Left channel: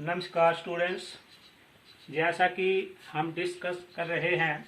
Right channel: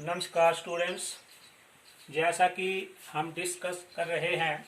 नमस्कार स्टूडेंट्स। जैसा कि हम डिस्कस कर रहे हैं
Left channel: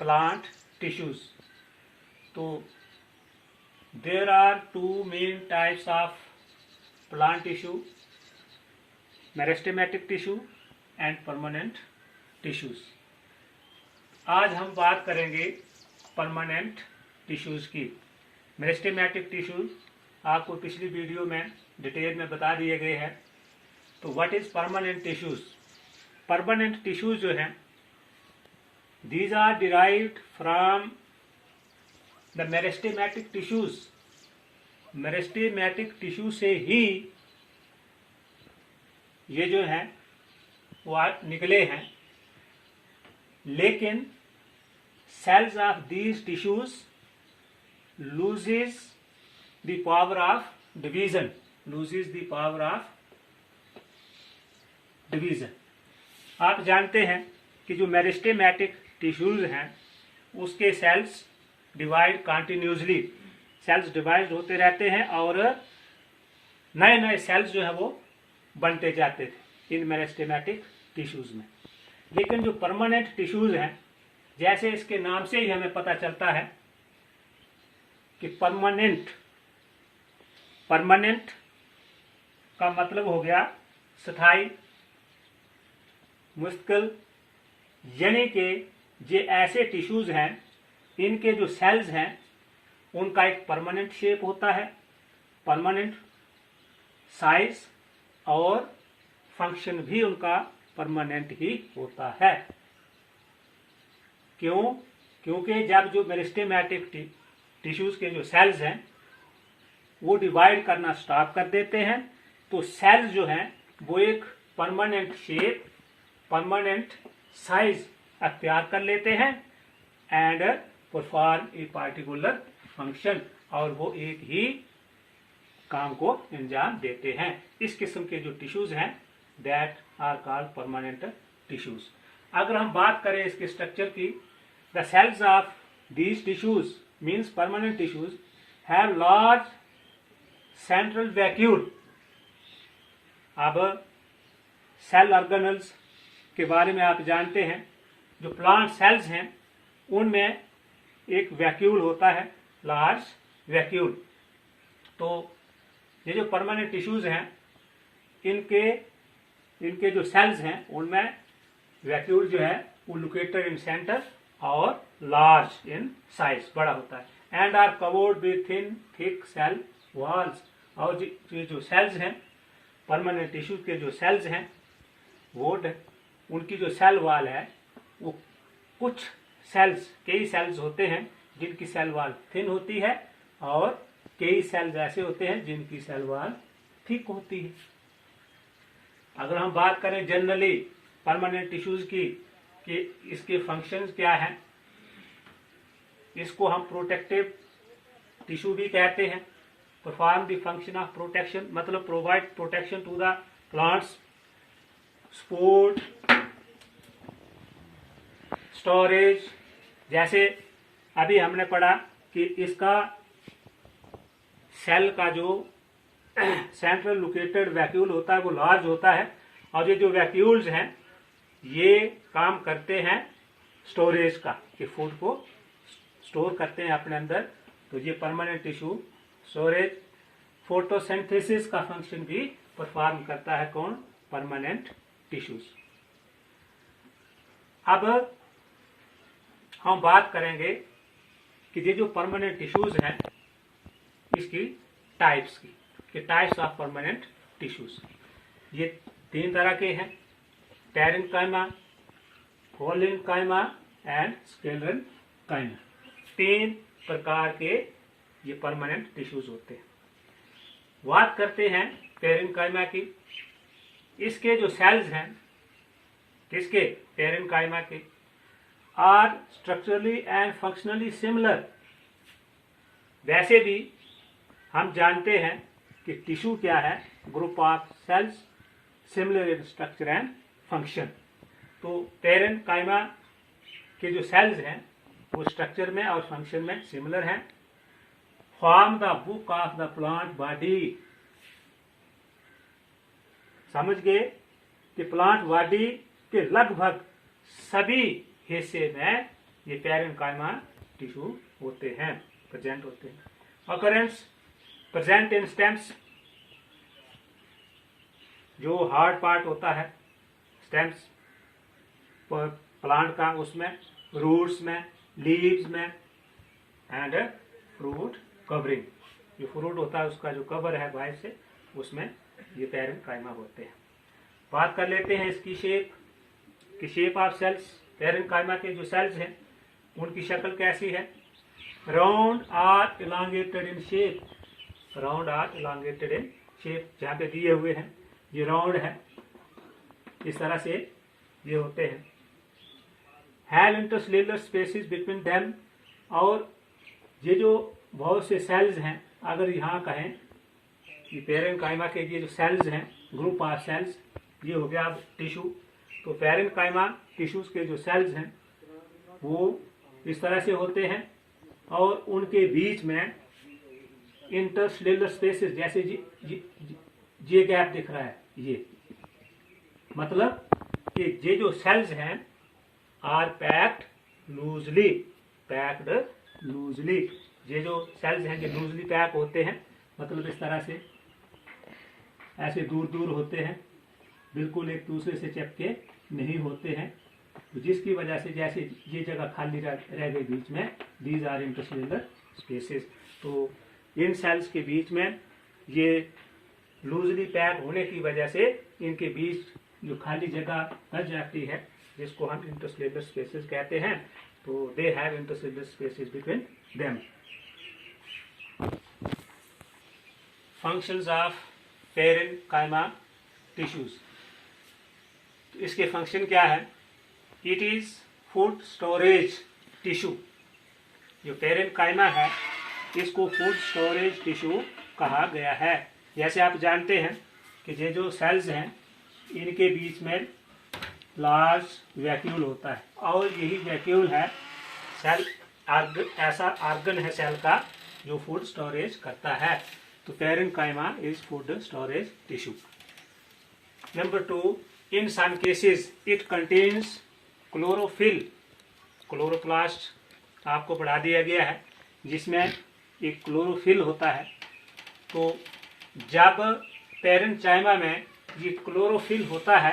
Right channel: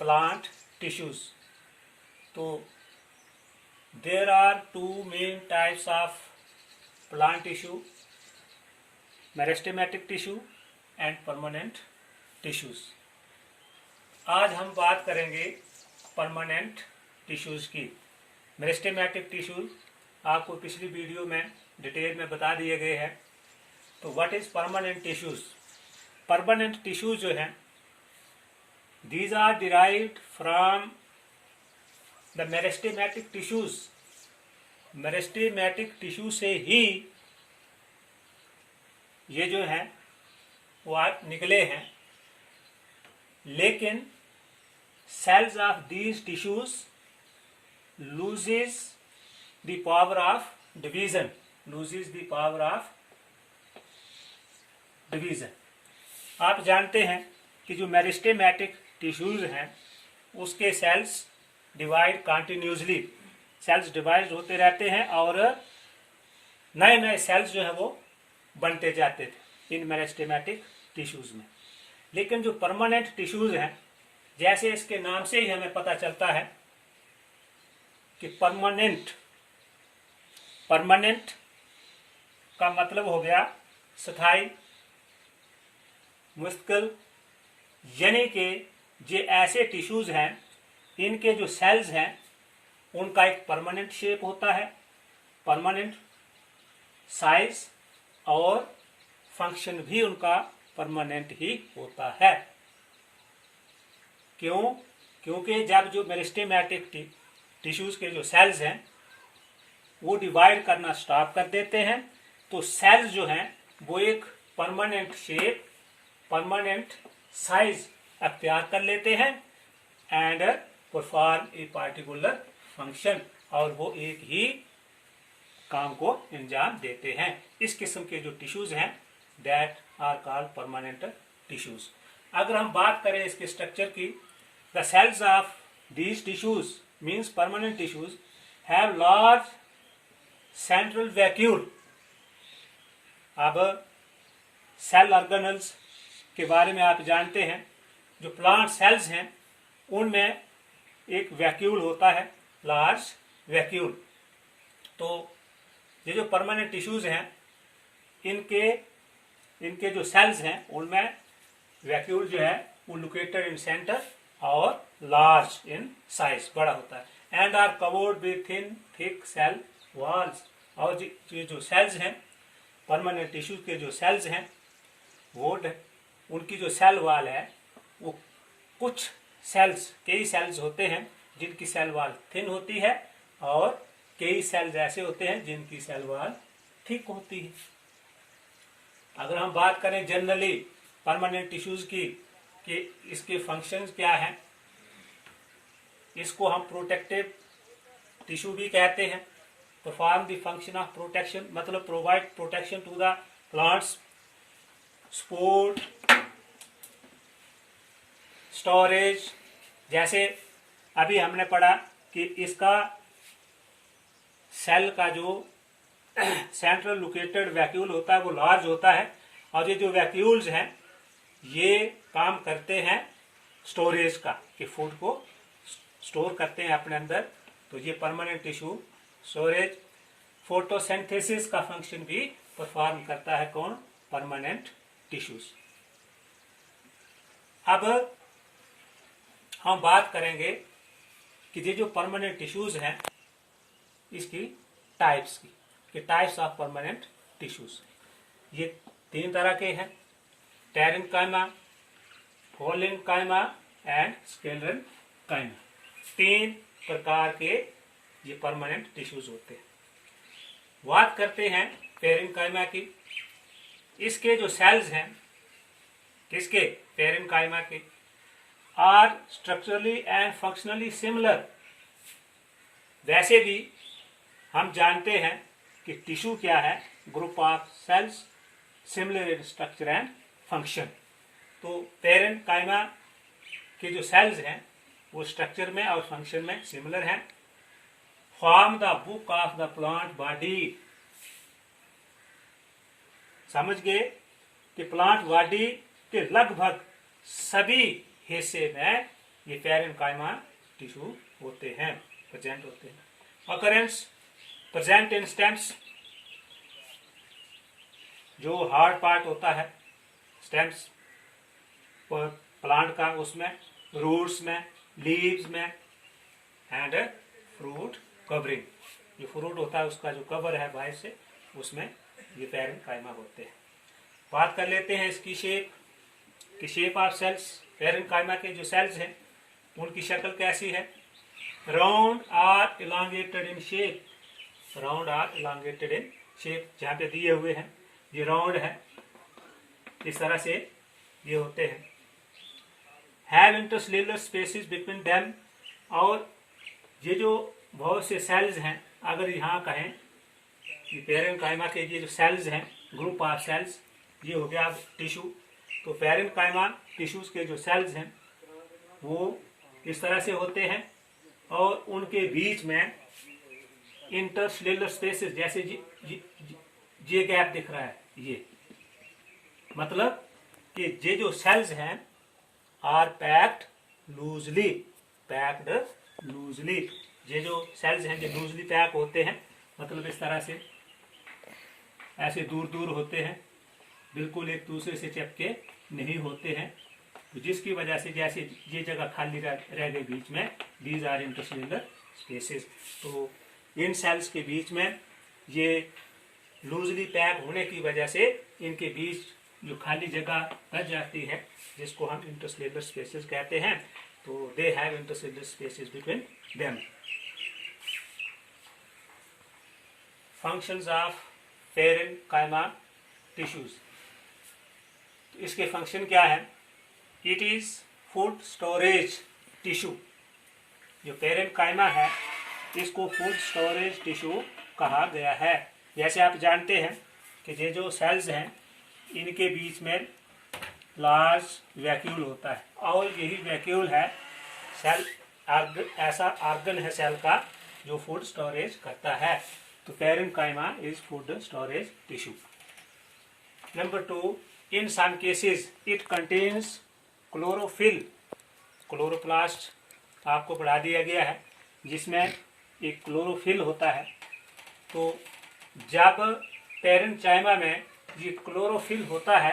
प्लांट टिश्यूज, तो there are two main types of plant tissue, meristematic tissue and permanent tissues. आज हम बात करेंगे परमानेंट टिश्यूज की। मेरिस्टेमेटिक टिश्यूज आपको पिछली वीडियो में डिटेल में बता दिए गए हैं। तो what is permanent tissues? Permanent tissues जो हैं, these are derived from the meristematic tissues. Meristematic tissue से ही ये जो हैं वो निकले हैं, लेकिन cells of these tissues loses the power of division. आप जानते हैं कि जो मेरिस्टेमेटिक टिश्यूज हैं उसके cells divide continuously, cells divide होते रहते हैं और नए नए सेल्स जो है वो बनते जाते थे इन मेरिस्टेमेटिक टिश्यूज में। लेकिन जो परमानेंट टिश्यूज हैं, जैसे इसके नाम से ही हमें पता चलता है कि परमानेंट का मतलब हो गया स्थायी, मुस्तकिल, यानी कि ये ऐसे टिश्यूज हैं, इनके जो सेल्स हैं उनका एक परमानेंट शेप होता है, परमानेंट साइज और फंक्शन भी उनका परमानेंट ही होता है। क्यों? क्योंकि जब जो मेरिस्टेमेटिक टिश्यूज के जो सेल्स हैं वो डिवाइड करना स्टॉप कर देते हैं, तो सेल्स जो हैं वो एक परमानेंट शेप, परमानेंट साइज अख्तियार कर लेते हैं and perform a particular function, और वो एक ही काम को अंजाम देते हैं। इस किस्म के जो टिश्यूज हैं that are called permanent tissues. अगर हम बात करें इसके स्ट्रक्चर की, the cells of these tissues means permanent tissues have large central vacuole. अब सेल ऑर्गेनल्स के बारे में आप जानते हैं, जो प्लांट सेल्स हैं उनमें एक वैक्यूल होता है, लार्ज वैक्यूल। तो ये जो परमानेंट टिश्यूज हैं इनके जो सेल्स हैं उनमें वैक्यूल जो है वो लोकेटेड इन सेंटर और लार्ज इन साइज, बड़ा होता है, and are covered with thin thick cell walls. और ये जो सेल्स हैं, परमानेंट टिश्यू के जो सेल्स हैं, वो उनकी जो सेल वॉल है वो कुछ सेल्स, कई सेल्स होते हैं जिनकी सेल वॉल थिन होती है और कई सेल्स ऐसे होते हैं जिनकी सेल वॉल थिक होती है। अगर हम बात करें जनरली परमानेंट टिश्यूज की कि इसके फंक्शंस क्या हैं, इसको हम प्रोटेक्टिव टिश्यू भी कहते हैं। Perform the function of protection, मतलब provide protection to the plants, support, storage. जैसे अभी हमने पढ़ा कि इसका सेल का जो सेंट्रल लोकेटेड वैक्यूल होता है वो लार्ज होता है, और ये जो वैक्यूल्स हैं ये काम करते हैं स्टोरेज का, कि फूड को स्टोर करते हैं अपने अंदर। तो ये परमानेंट टिश्यू स्टोरेज, फोटोसिंथेसिस का फंक्शन भी परफॉर्म करता है। कौन? Permanent tissues. अब हम बात करेंगे कि ये जो परमानेंट टिश्यूज हैं इसकी टाइप्स की, कि टाइप्स ऑफ परमानेंट टिश्यूज। ये तीन तरह के हैं, पैरेन्काइमा, होलिन्काइमा एंड स्क्लेरेन्काइमा। तीन प्रकार के ये परमानेंट टिश्यूज होते हैं। बात करते हैं पैरेन्काइमा की। इसके जो सेल्स हैं, किसके? पैरेन्काइमा के, are structurally and functionally similar. वैसे भी हम जानते हैं कि टिश्यू क्या है? Group of cells similar in structure and function. तो पैरेन्काइमा के जो सेल्स हैं वो स्ट्रक्चर में और फंक्शन में सिमिलर हैं। Form the book of the plant body. समझ गए कि प्लांट बॉडी के लगभग सभी हिस्से में ये पैरेन्काइमा टिश्यू होते हैं, प्रेजेंट होते हैं। अकरेंस प्रेजेंट इन स्टेम्स, जो हार्ड पार्ट होता है स्टेम्स प्लांट का, उसमें रूट्स में, लीव्स में एंड फ्रूट कवरिंग, जो फ्रूट होता है उसका जो कवर है बाहर से, उसमें ये पैरेन्काइमा होते हैं। बात कर लेते हैं इसकी शेप की, शेप ऑफ सेल्स। पैरेन्काइमा के जो सेल्स हैं उनकी शक्ल कैसी है? Round or elongated in shape, round or elongated in shape, जहाँ पे दिए हुए हैं ये राउंड है, इस तरह से ये होते हैं। Have intercellular spaces between them, और ये जो बहुत से सेल्स हैं, अगर यहाँ कहें कि पैरेन्काइमा के ये जो सेल्स हैं, ग्रुप ऑफ सेल्स, ये हो गया अब टिश्यू, तो पैरेन्काइमा टिश्यूज के जो सेल्स हैं वो इस तरह से होते हैं, और उनके बीच में इंटरसेल्युलर स्पेसेस, जैसे ये गैप दिख रहा है, ये मतलब कि ये जो सेल्स हैं are packed loosely, packed loosely, ये जो सेल्स हैं ये लूजली पैक होते हैं, मतलब इस तरह से ऐसे दूर दूर होते हैं, बिल्कुल एक दूसरे से चिपके नहीं होते हैं, तो जिसकी वजह से जैसे ये जगह खाली रह गई बीच में, दीज आर इंटरसेल्युलर स्पेसेस। तो इन सेल्स के बीच में ये लूजली पैक होने की वजह से इनके बीच जो खाली जगह बच जाती है, जिसको हम इंटरसेल्युलर स्पेसेस कहते हैं, तो they have intercellular spaces between them. Functions of parenchyma tissues, इसके फंक्शन क्या है? It is food storage tissue, जो पैरेन्काइमा है इसको फूड स्टोरेज टिश्यू कहा गया है। जैसे आप जानते हैं कि ये जो सेल्स हैं इनके बीच में लार्ज वैक्यूल होता है, और यही वैक्यूल है सेल ऐसा ऑर्गन है सेल का जो फूड स्टोरेज करता है, तो parenchyma is food storage tissue. Number 2, in some cases it contains chlorophyll, chloroplast आपको बढ़ा दिया गया है, जिसमें एक क्लोरोफिल होता है। तो जब पैरेन्काइमा में ये क्लोरोफिल होता है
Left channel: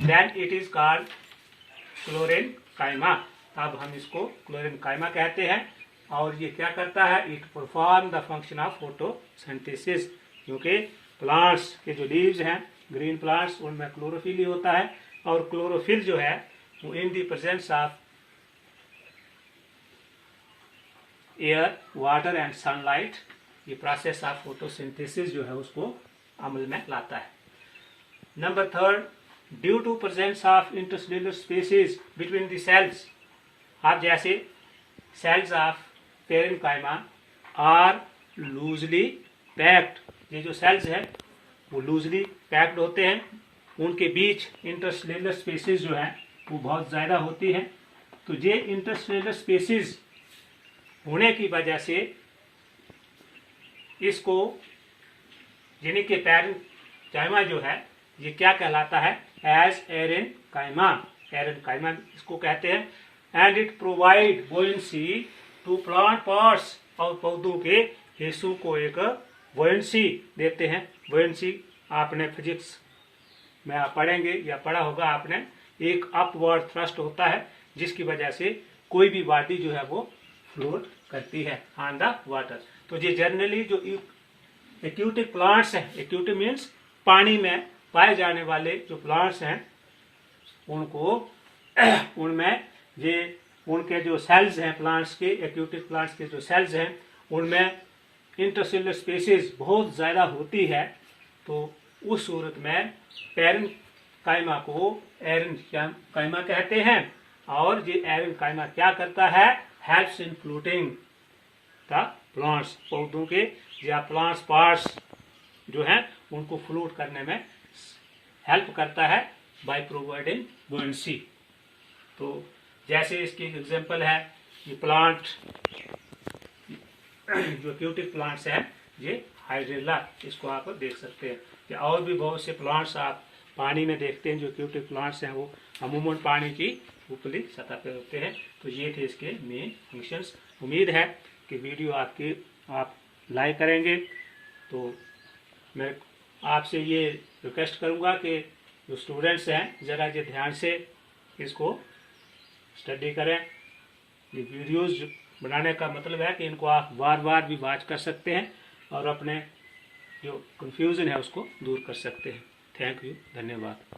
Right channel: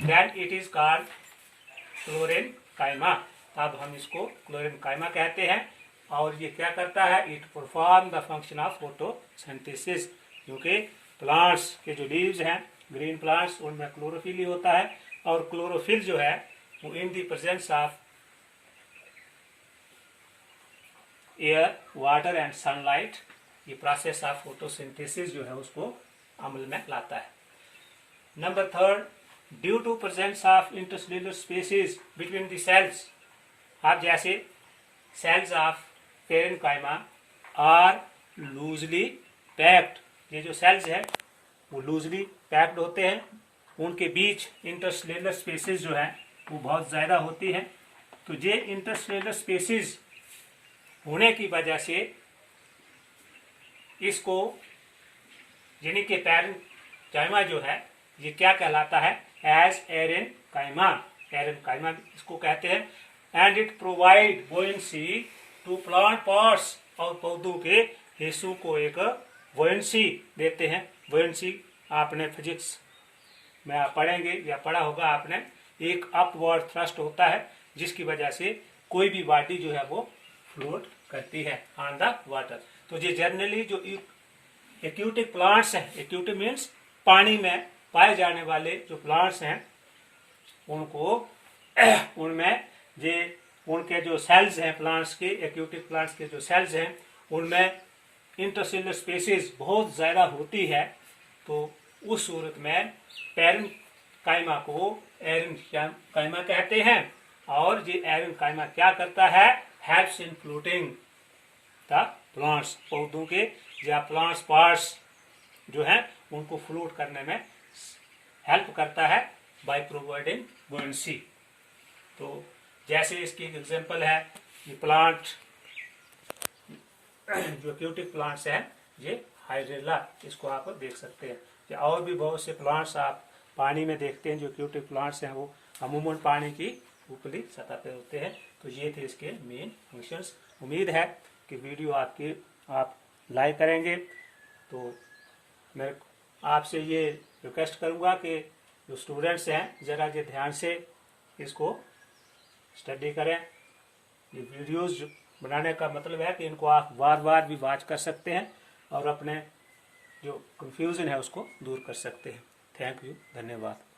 then it is called chlorenchyma, तब हम इसको क्लोरेन्काइमा कहते हैं। और ये क्या करता है? It perform the function of photosynthesis, क्योंकि प्लांट्स के जो लीव्स हैं, ग्रीन प्लांट्स, उनमें क्लोरोफिल ही होता है, और क्लोरोफिल जो है वो in the presence of air, water and sunlight, ये प्रोसेस ऑफ फोटोसिंथेसिस जो है उसको अमल में लाता है। Number 3, due to presence of intercellular spaces between the cells, आप जैसे cells of parenchyma are loosely packed, ये जो सेल्स हैं वो लूजली पैक्ड होते हैं, उनके बीच इंटरसेल्युलर स्पेसेस जो है वो बहुत ज़्यादा होती हैं। तो ये इंटरसेल्युलर स्पेसेस होने की वजह से इसको, यानी कि पैरेन्काइमा जो है ये क्या कहलाता है? एज एरेन्काइमा, एरेन्काइमा इसको कहते हैं। And it provide buoyancy to plant parts, और पौधों के हिस्सों को एक बुओयंसी देते हैं। बुओयंसी आपने फिजिक्स में आप पढ़ेंगे या पढ़ा होगा आपने, एक अपवर्ड थ्रस्ट होता है जिसकी वजह से कोई भी बॉडी जो है वो फ्लोट करती है ऑन द वाटर। तो ये जनरली जो एक्यूटिक प्लांट्स हैं, एक्यूटिक मीन्स पानी में पाए जाने वाले जो प्लांट्स हैं उनको उनमें ये उनके जो सेल्स हैं प्लांट्स के, एक्यूटिक प्लांट्स के जो सेल्स हैं उनमें इंटरसेल्युलर स्पेसेस बहुत ज़्यादा होती है। तो उस सूरत में पैरेन्काइमा को एरेन्काइमा कहते हैं। और ये एरेन्काइमा क्या करता है? Helps in floating the plants, पौधों के या प्लांट्स पार्ट्स जो हैं उनको फ्लोट करने में हेल्प करता है बाय प्रोवाइडिंग बुओयंसी। तो जैसे इसकी एग्जांपल है ये प्लांट, जो एक्यूटिक प्लांट्स हैं, ये हाइड्रेला, इसको आप देख सकते हैं। या और भी बहुत से प्लांट्स आप पानी में देखते हैं जो एक्वेटिक प्लांट्स हैं, वो अमूमन पानी की ऊपरी सतह पर होते हैं। तो ये थे इसके मेन फंक्शंस। उम्मीद है कि वीडियो आप लाइक करेंगे। तो मैं आपसे ये रिक्वेस्ट करूँगा कि जो स्टूडेंट्स हैं ज़रा ये ध्यान से इसको स्टडी करें। ये वीडियोस बनाने का मतलब है कि इनको आप बार बार भी वॉच कर सकते हैं और अपने जो कंफ्यूजन है उसको दूर कर सकते हैं। थैंक यू, धन्यवाद।